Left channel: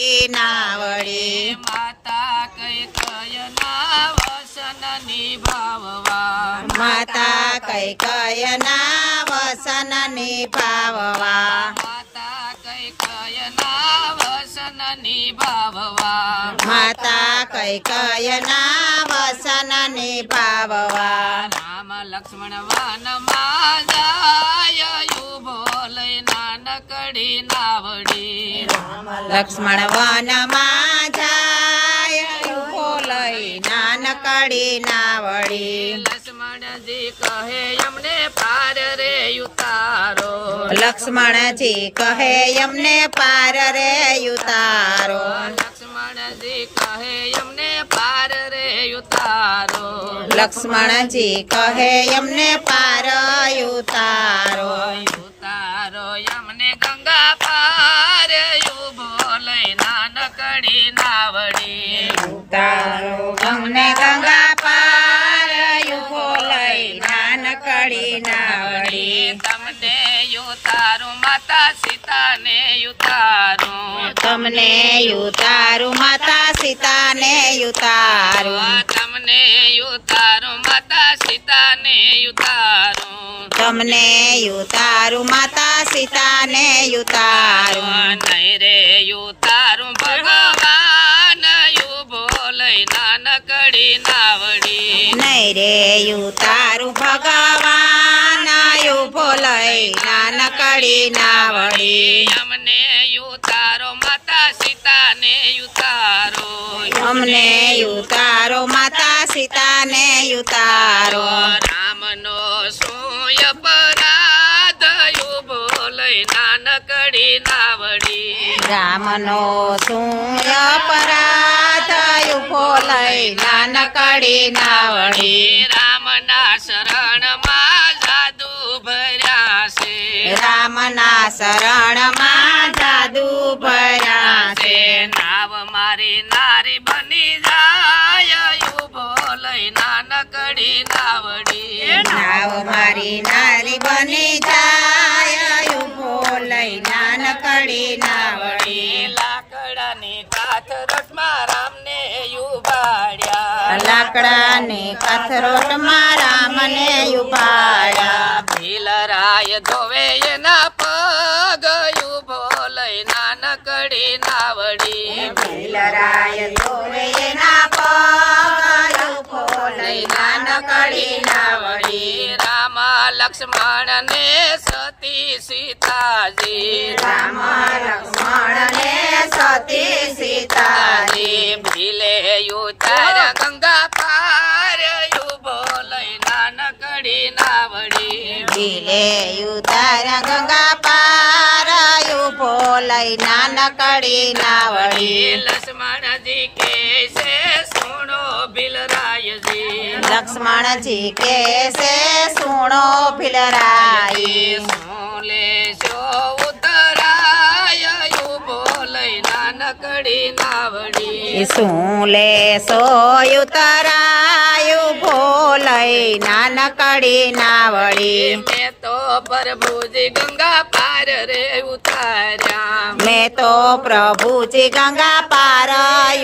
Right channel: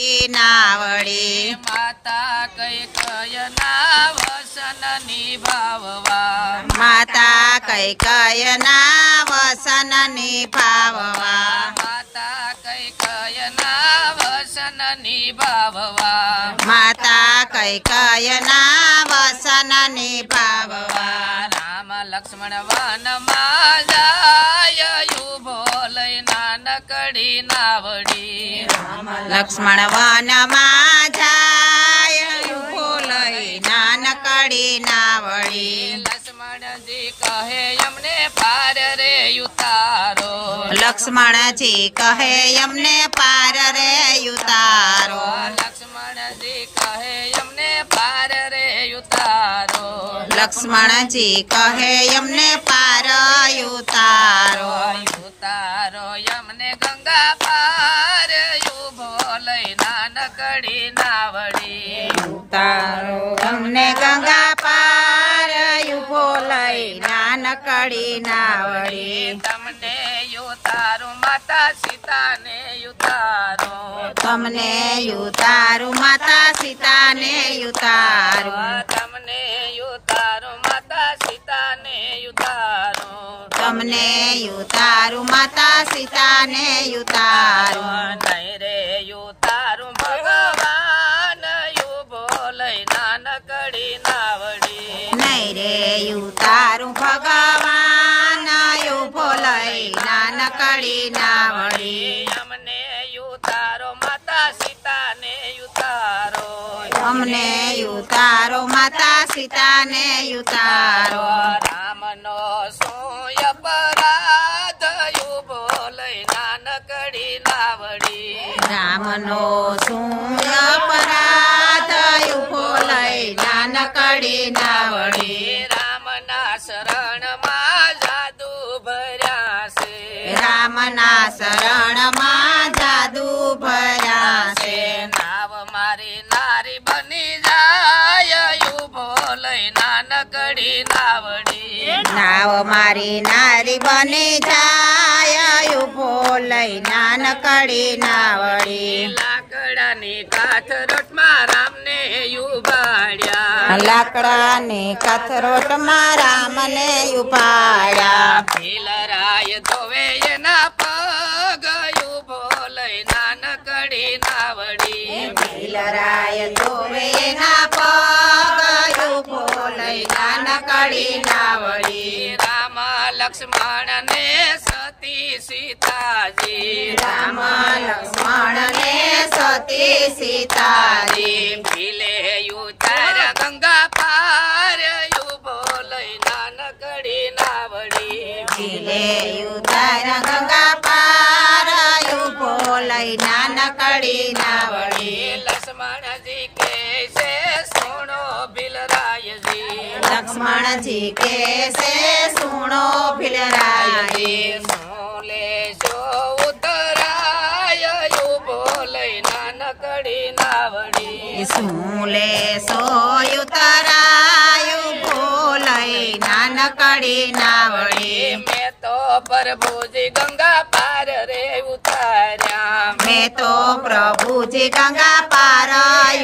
નાવડી માતા કૈકેયના વસન નિભાવવા માતા કૈકેયના વસન નિભાવવા માતા કૈકેયના વસન નિભાવવા માતા કૈકેયના વસન નિભાવવા રામ લક્ષ્મણ વનમાં જાય યુભો લઈ નાનકડી નાવડી લક્ષ્મણ વનમાં જાય ઉભો લઈ નાનકડી નાવડી લક્ષ્મણજી કહે અમને પાર રે ઉતારો લક્ષ્મણજી કહે અમને પાર રે ઉતારો લક્ષ્મણજી કહે અમને પાર રે ઉતારો લક્ષ્મણજી કહે અમને પાર ઉતારો ઉતારો અમને ગંગા પાર ઉભો લઈ નાનકડી નાવડી ઉતારો અમને ગંગા પાર ઉભો લઈ નાનકડી નાવડી તમને ઉતારું માતા સીતાને ઉતારું તમને ઉતારું માતા સીતાને ઉતારું તમને ઉતારું માતા સીતાને ઉતારું તમને ઉતારું માતા સીતાને ઉતારું નહીં રે ઉતારું ભગવાન ઉભો લઈ નાનકડી નાવડી નહીં રે ઉતારું ભગવાન ઉભો લઈ નાનકડી નાવડી અમને ઉતારો માતા સીતાને ઉતારો અમને ઉતારો માતા સીતાને ઉતારો રામનો શું અપરાધ ઉભો લઈ નાનકડી નાવડી રામનો શું અપરાધ ઉભો લઈ નાનકડી નાવડી રામના શરણમાં જાદુ ભર્યા છે રામના શરણમાં જાદુ ભર્યા છે નાવ મારી નારી બની જાય ઉભો લઈ નાનકડી નાવડી નાવ મારી નારી બની જાય ઉભો લઈ નાનકડી નાવડી લાકડાની કાથરોટમાં રામને ઉભાડ્યા લાકડાની કથરોટમાં રામને ઉભાડ્યા ભીલરાય ધોવે એના પગ ઉભો લઈ નાનકડી નાવડી ભીલરાય ધોવે એના પગ ઉભો લઈ નાનકડી નાવડી રામ લક્ષ્મણ ને સતી સીતાજી રામ લક્ષ્મણ ને સતી સીતાજી ભીલે ઉતાર ગંગા પાર ઉભો લઈ નાનકડી નાવડી ભીલે ઉતાર ગંગા પાર ઉભો લઈ નાનકડી નાવડી લક્ષ્મણજી કે છે સુણો ભીલરાયજી લક્ષ્મણજી કે છે સુણો ભીલરાય શું લેશો ઉતરાય ઉભો લઈ નાનકડી નાવડી શું લેશો ઉતરાય ઉભો લઈ નાનકડી નાવડી મેં તો પ્રભુજી ગંગા પાર રે ઉતાર્યા મેં તો પ્રભુજી ગંગા પાર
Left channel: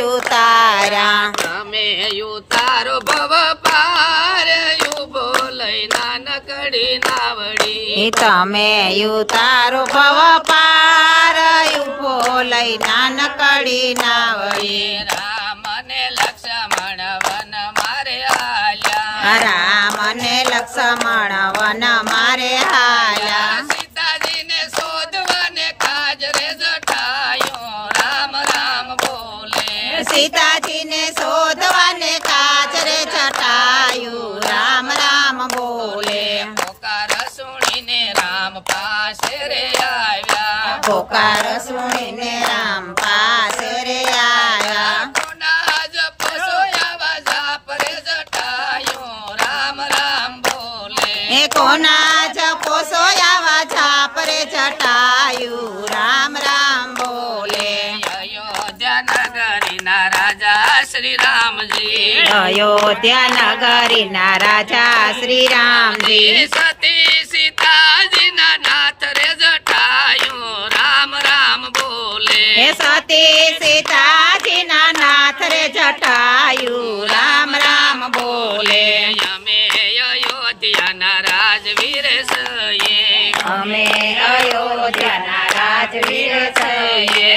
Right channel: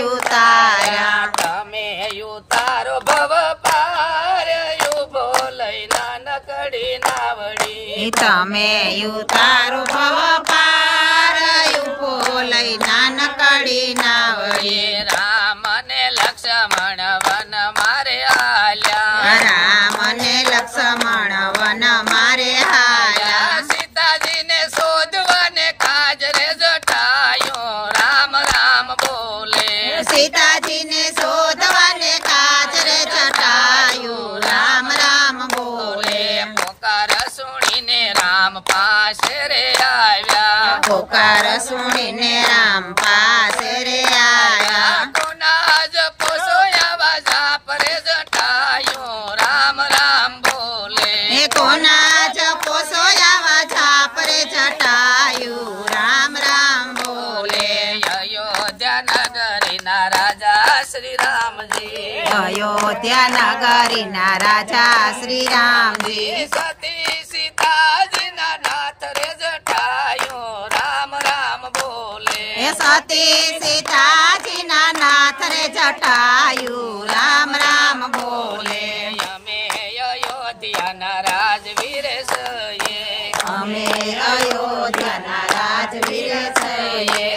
ઉતાર્યા તમે ઉતારો ભવ પાર ઉભો લઈ નાનકડી નાવડી તમે ઉતારો ભવ પાર ઉભો લઈ નાનકડી નાવડી રામ ને લક્ષ્મણ વન મારે આલ્યા રામ ને લક્ષ્મણ વન મારે હાલ્યા સીતાજીને શોધવાને કાજ રે જટાયો રામ રામ બોલે સીતાજીને શોધવાને કાજરે જટાયું રામ રામ બોલે પોકાર સુણીને રામ પાસે રે આવ્યા પોકાર સુણીને રામ પાસે રે આવ્યા કોના જ પોસોયા જાપ રે જટાયો રામ રામ બોલે એ કોના જ પોસોયા ઝાપ રે જટાયું રામ રામ બોલે અયોધ્યા નગરીના રાજા શ્રી રામજી અયોધ્યા નગરીના રાજા શ્રી રામજી સતી સીતાજીના નાથ રે જટાયો રામ રામ બોલે એ સતી સીતાજીના નાથ રે જટાયું રામ રામ બોલે અમે અયોધ્યાના રાજવીર છીએ અમે અયોધ્યાના રાજવીર છીએ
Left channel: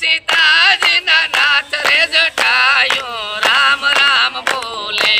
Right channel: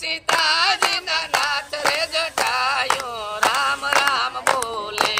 સીતાજીના નાથ રે જટાયું રામ રામ બોલે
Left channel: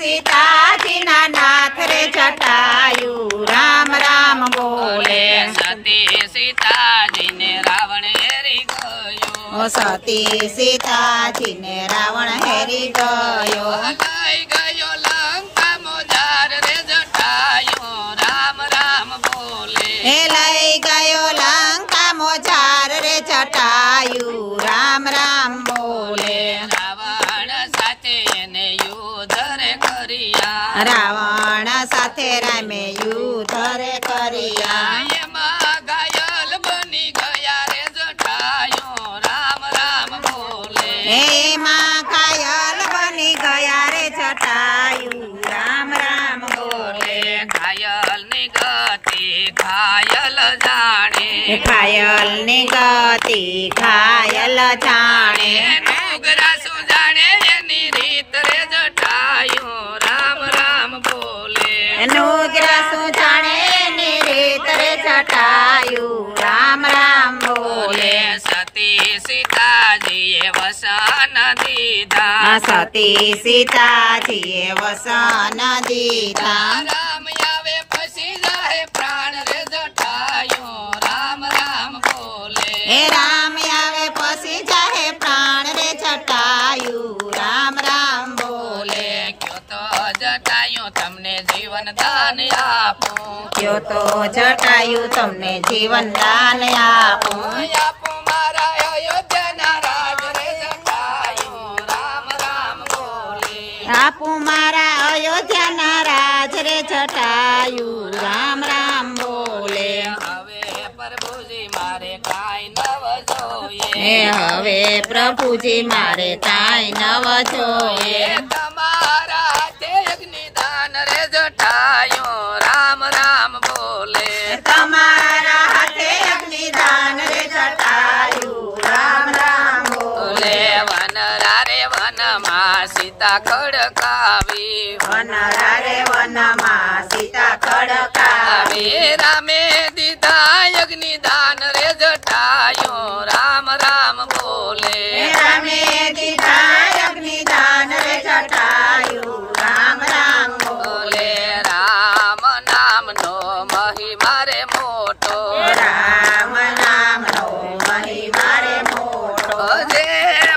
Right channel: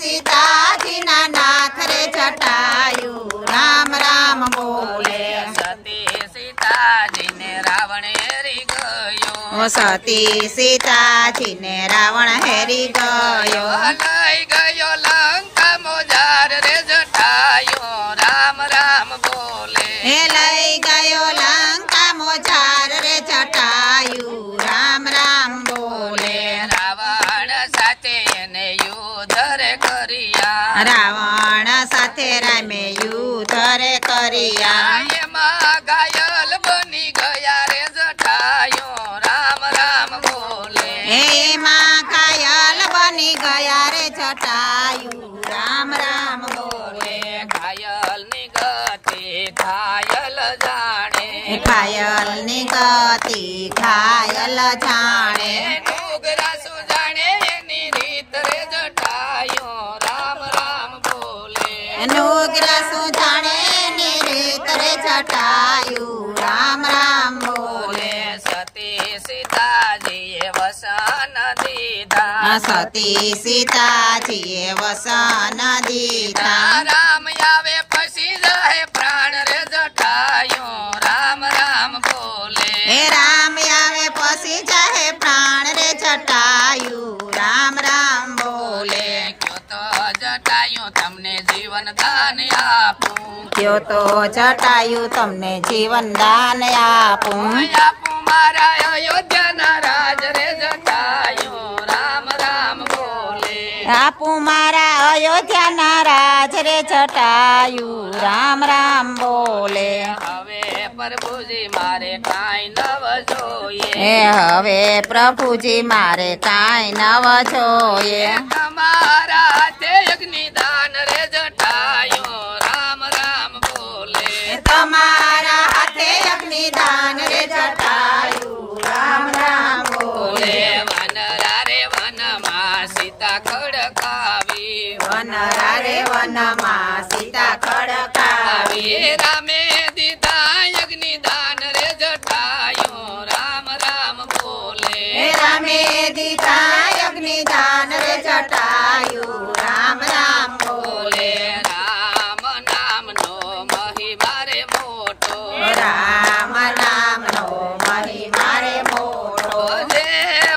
સીતાજીના નાથ રે જટાયું રામ રામ બોલે સતી સીતાજીને રાવણ હેરી ગયો સતી સીતાજીને રાવણ હેરી ગયો લઈ ગયો લંકા મોજાર રે જટાયો રામ રામ બોલે હે લઈ ગયો લંકા મોજાર રે જટાયું રામ રામ બોલે રાવણ સાથે એને યુદ્ધ રે કર્યા રાવણ સાથે રામે યુદ્ધ રે કર્યા એમાં ઘાયલ બની ગયા રે જટાયો રામ રામ બોલે એમાં ઘાયલ બની ગયા રે જટાયું રામ રામ બોલે ઘાયલ ની ગતિ ઘાયલ જાણે ઘાયલ ની ગતિ ઘાયલ જાણે ડુગરા સુજાણે એની રીત રે જટાયો રામ રામ બોલે નુગ્ર શું જાણે એની રીત રે જટાયું રામ રામ બોલે સતી સીતાજીએ વસન દીધા સતી સીતાજીએ વસન દીધા રામ આવે પછી જાય પ્રાણ રે જટાયો રામ રામ બોલે હે રામ આવે પછી જાહે પ્રાણ રે જટાયું રામ રામ બોલે ક્યો તો જટાયો તમને જીવન દાન આપું કયો તો જટાયું તમને જીવન દાન આપું આપું મારા અયોધ્યાના રાજ રે જટાયો રામ રામ બોલે આપું મારા અયોધ્યાના રાજ રે જટાયું રામ રામ બોલે હવે પ્રભુજી મારે કાંઈ નવ જોઈએ હે હવે પ્રભુજી મારે કાંઈ નવ જોઈએ તમારા હાથે અગ્નિદાન રે જટાયો રામ રામ બોલે તમારા હાથે અગ્નિદાન રે જટાયું રામ રામ બોલે વનરા રે વનમાં સીતા ખડકાવી વનરા રે વનમાં સીતા ખડકાવી રામે દીધા અગ્નિદાન રે જટાયો રામ રામ બોલે રામે દીધા અગ્નિદાન રે જટાયું રામ રામ બોલે રામ નામનો મહિમા રે મોટો રામ નામનો મહિમા રે મોટો જે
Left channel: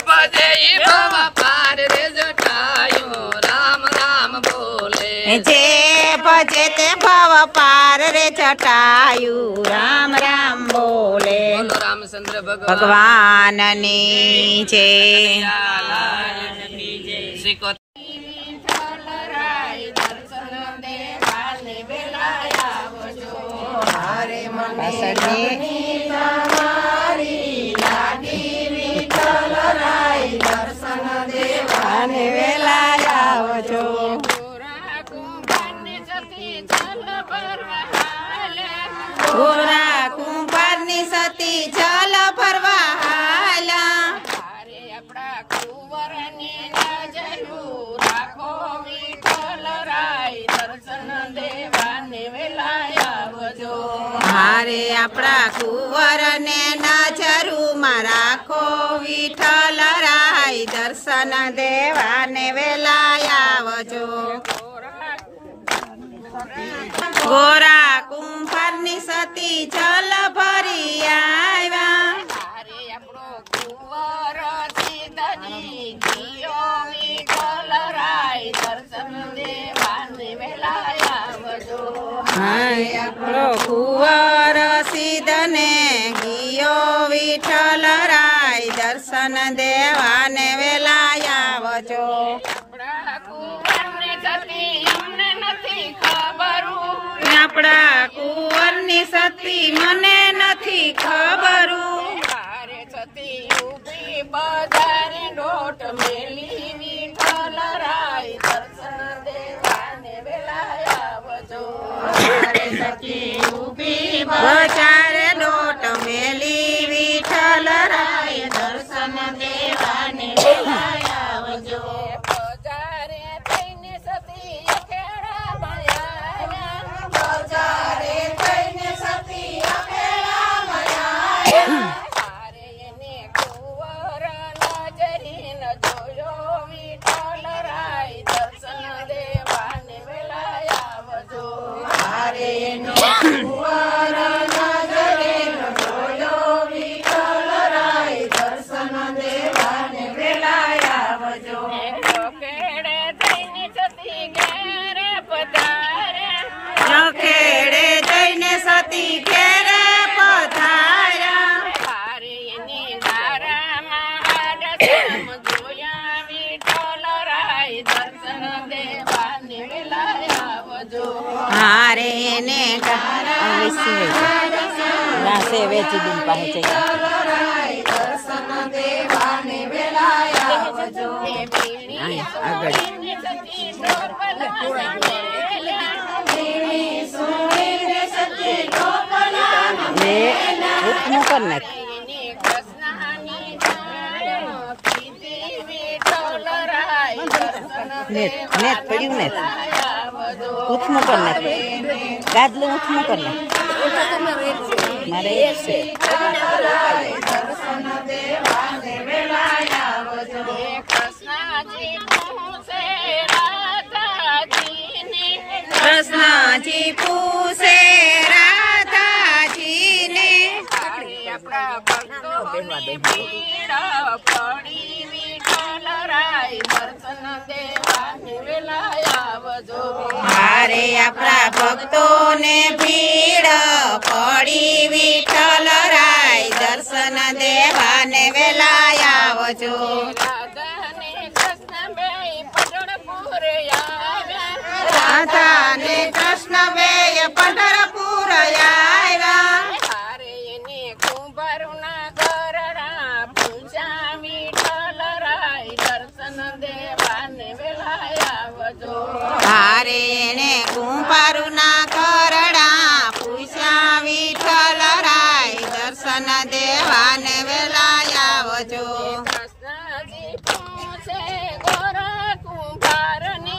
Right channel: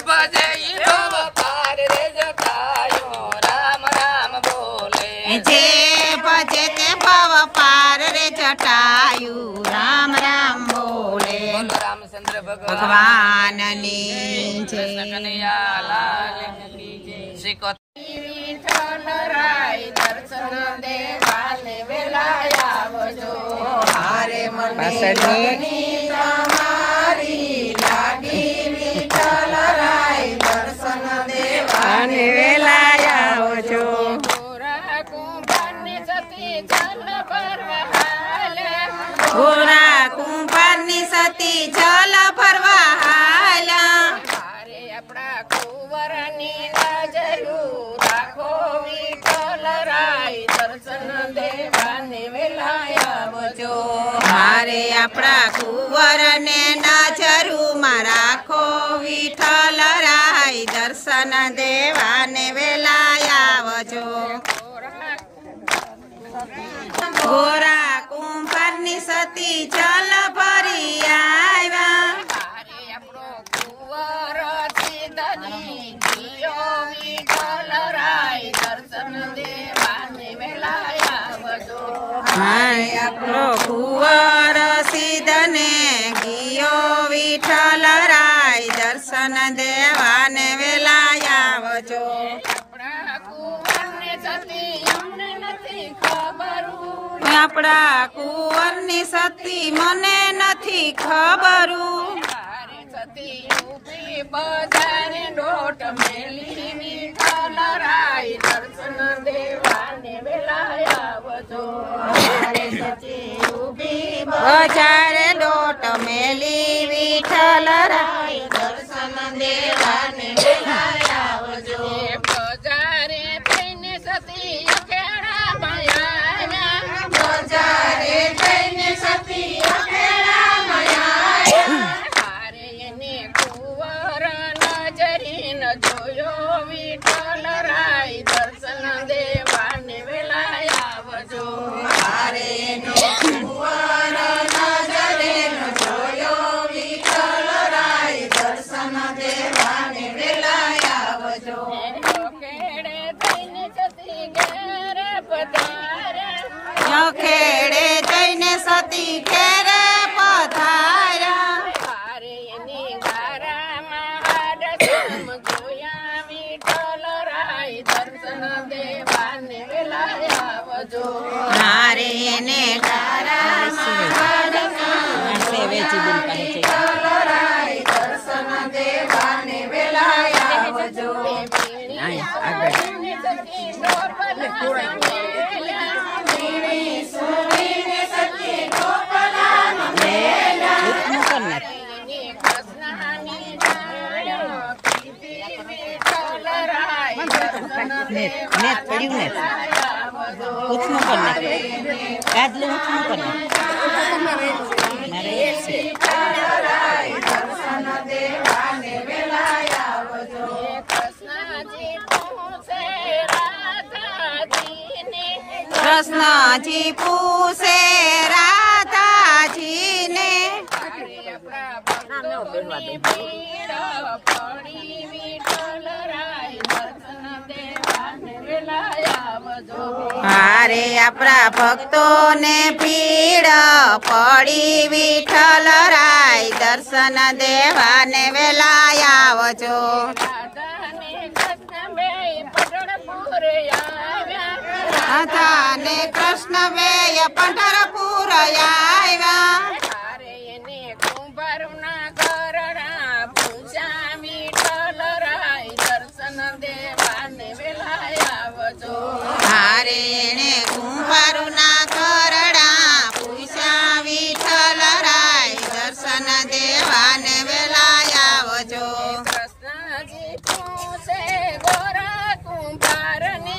ભજે ઈ ભવ પાર રે જટાયો રામ રામ બોલે જે ભજે તે ભવ પાર રે જટાયું રામ રામ બોલે રામચંદ્ર ભગવાનની જય અને વેલા આવજો ગોરા કુંભારની સતી જલ ફરવા હાલા આપણા કુંવરની નજરું રાખો વિઠ્ઠલ રાય દર્શન દેવાને વેલા આવજો મારે આપણા કુંવરને નજરુમાં રાખો વિઠ્ઠલ રાય દર્શન દેવાને વેલા આવજો ગોરા કુંભારની સતી જલ ભરી આવ્યા આપણો કુંવર સીધની જીયો વિઠ્ઠલ રાય દર્શન દેવાને વેલા આવજો આપણો કુંવર સિદ્ધને ગિયો વિઠ્ઠલ રાય દર્શન દેવાને વેલા આવજો આપણા કુંવરને સતી અમને નથી ખબરું આપણા કુંવરની સતી મને નથી ખબરું મારે સતી ઉભી બજારે ડોટ મેલી વિઠ્ઠલ રાય દર્શન દેવાને વેલા આવજો બજારે દોટ મેલી વિઠ્ઠલ વિઠ્ઠલ રાય દર્શન દેવાને વેલાય આવજો બજારે થઈને સતી અખેડામાં આવ્યા બજારે થઈને સતી અખેડામાં આવ્યા હારે એને કુંવર નજરીન જોયો વિઠ્ઠલ રાય દર્શન દેવાને વેલાય આવજો હારે ને કુંવર નજરે જોયો વિઠ્ઠલ રાય દર્શન દેવાને વેલાય આવજો ખેડે થઈને સતી ઘેરે પધાર્યા ખેડે જઈને સતી ઘેરે પધાર્યા હારે એની ધારામાં આડસમ જોયા વિઠ્ઠલ રાય દર્શન દેવાને વેલાય આવજો હારે ને દર્શન દેવાને વેલાય આવજો સુણીને સતી ગોપલાના કૃષ્ણની જાણ્યો કીધી વિઠ્ઠલ રાય દર્શન દેવાને દર્શન દેવાને વેલાય આવજો કૃષ્ણજી પૂછે રાધાજીને કૃષ્ણજી પૂછે રાધાજીને હારે આપણા ભક્તોની ભીડ પડી વિઠ્ઠલ રાય દર્શન દેવાને વેલાય આવજો હારે આપણા ભક્તોને ભીડ પડી વિઠ્ઠલ રાય દર્શન દેવાને વેલાય આવજો રાધાને કૃષ્ણ બે પંઢરપુર આવ્યા રાધા ને કૃષ્ણ બેય પંઢરપુર આવ્યા હારે એને કુંભારના ગરડા પૂછ્યા વિઠ્ઠલ રાય દર્શન દેવાને વેલાય આવજો હારે ને કુંભારુના કરડા પૂછ્યા વિઠ્ઠલ રાય દર્શન દેવાને વેલાય આવજો કૃષ્ણજી પૂછે ગોરા કુંભારને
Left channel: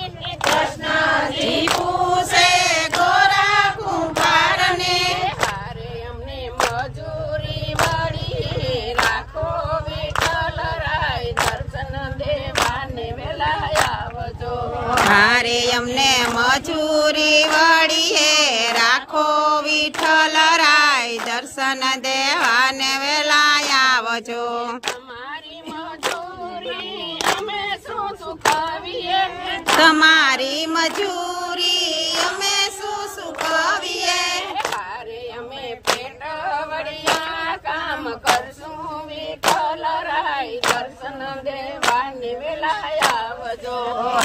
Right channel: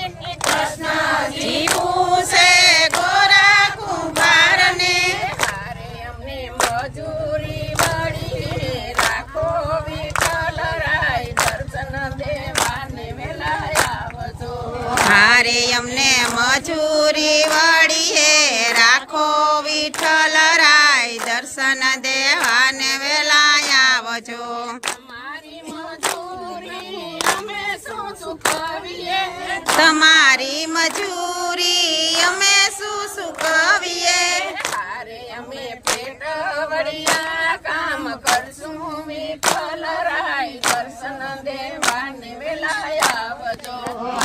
જી પૂછે ગોરા કુંભારને હારે અમને મજૂરી મળી રાખો વિઠ્ઠલ રાય દર્શન દેવાને વેલાય આવજો હારે અમને મજૂરી વળીએ રાખો વિઠ્ઠલ રાય દર્શન દેવાને વેલાય આવજો તમારી મજૂરી અમે શું ચૂકવીએ તમારી મજૂરી અમે શું ચૂકવીએ હારે અમે પેટ વળિયા કામ કરશું વિઠ્ઠલ રાય દર્શન દેવાને વેલાય આવજો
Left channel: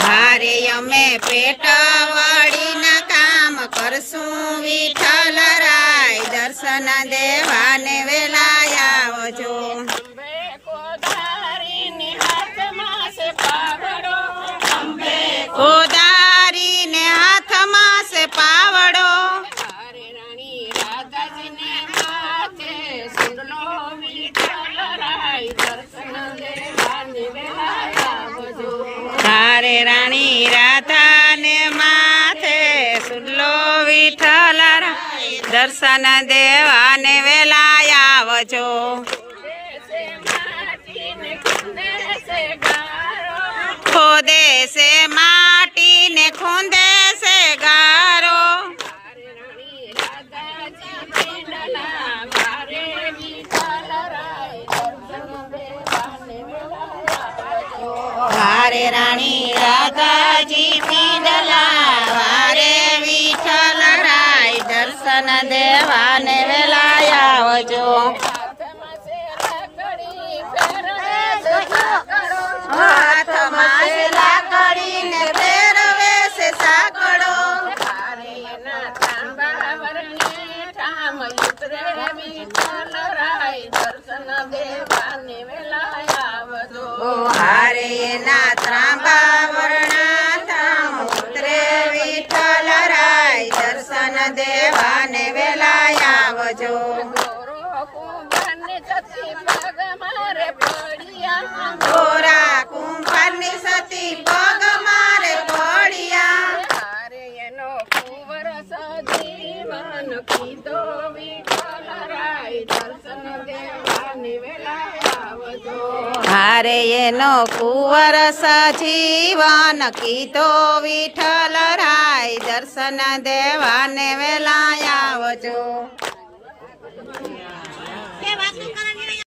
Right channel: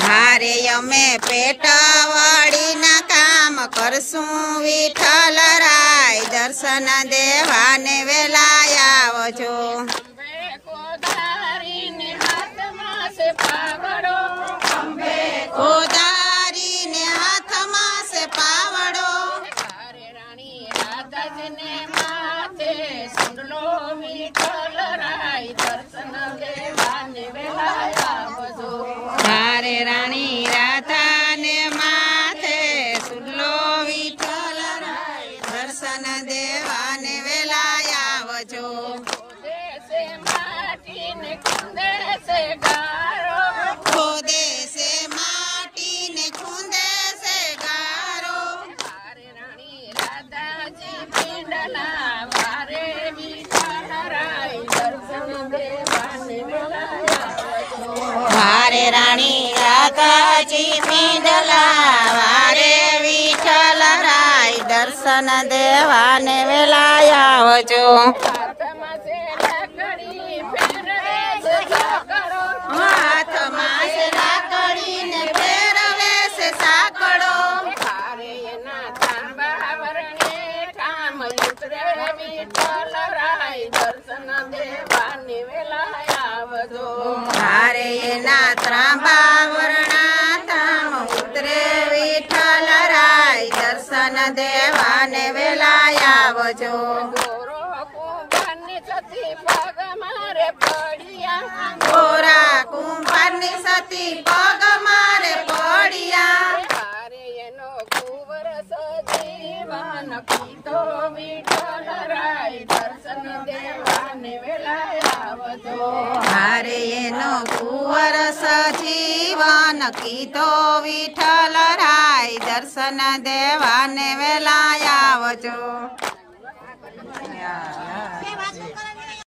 હારે અમે પેટવાડીના કામ કરશું વિઠ્ઠલ રાય દર્શન દેવાને વેલાય આવજો અંબે કોધારીને હાથમાં છે પાવડો કોદારીને હાથમાં છે પાવડો હારે રાણી રાધાજીને માથે સુંડલો વિઠ્ઠલ રાય દર્શન દેવાને વેલાય આવજો હારે રાણી રાધાને માથે સુડલો વિઠ્ઠલ રાય દર્શન દેવાને વેલાય આવજો દેશે માટીને ખૂંદે છે ગારો ખોદે છે માટીને ખૂંદે છે ગારો હારે રાણી રાધાજી પીંડલા વારે વિઠ્ઠલ રાય દર્શન દેવાને વેલાય આવજો હારે રાણી રાધાજી પીંડલા વારે વિઠ્ઠલ રાય દર્શન દેવાને વેલાય આવજો હાથમાં છે લાકડી ફેરવે છે સાકડો હાથમાં છે લાકડીને ફેરવે છે સાકડો હારે એના ઠાંબા વરણે ઠામ ઉતરે વિઠ્ઠલ રાય દર્શન દેવાને વેલાય આવજો હારે એના ત્રાંબા વર્ણા ધામ ઉતરે વિઠ્ઠલ રાય દર્શન દેવાને વેલાય આવજો ગોરો કુંભારની સતી પગ કીધો વિઠ્ઠલ રાય દર્શન દેવાને વેલાએ આવજો. હારે એનો કુંવર સજીવન કીધો વિઠ્ઠલ રાય દર્શન દેવાને વેલા આવજો.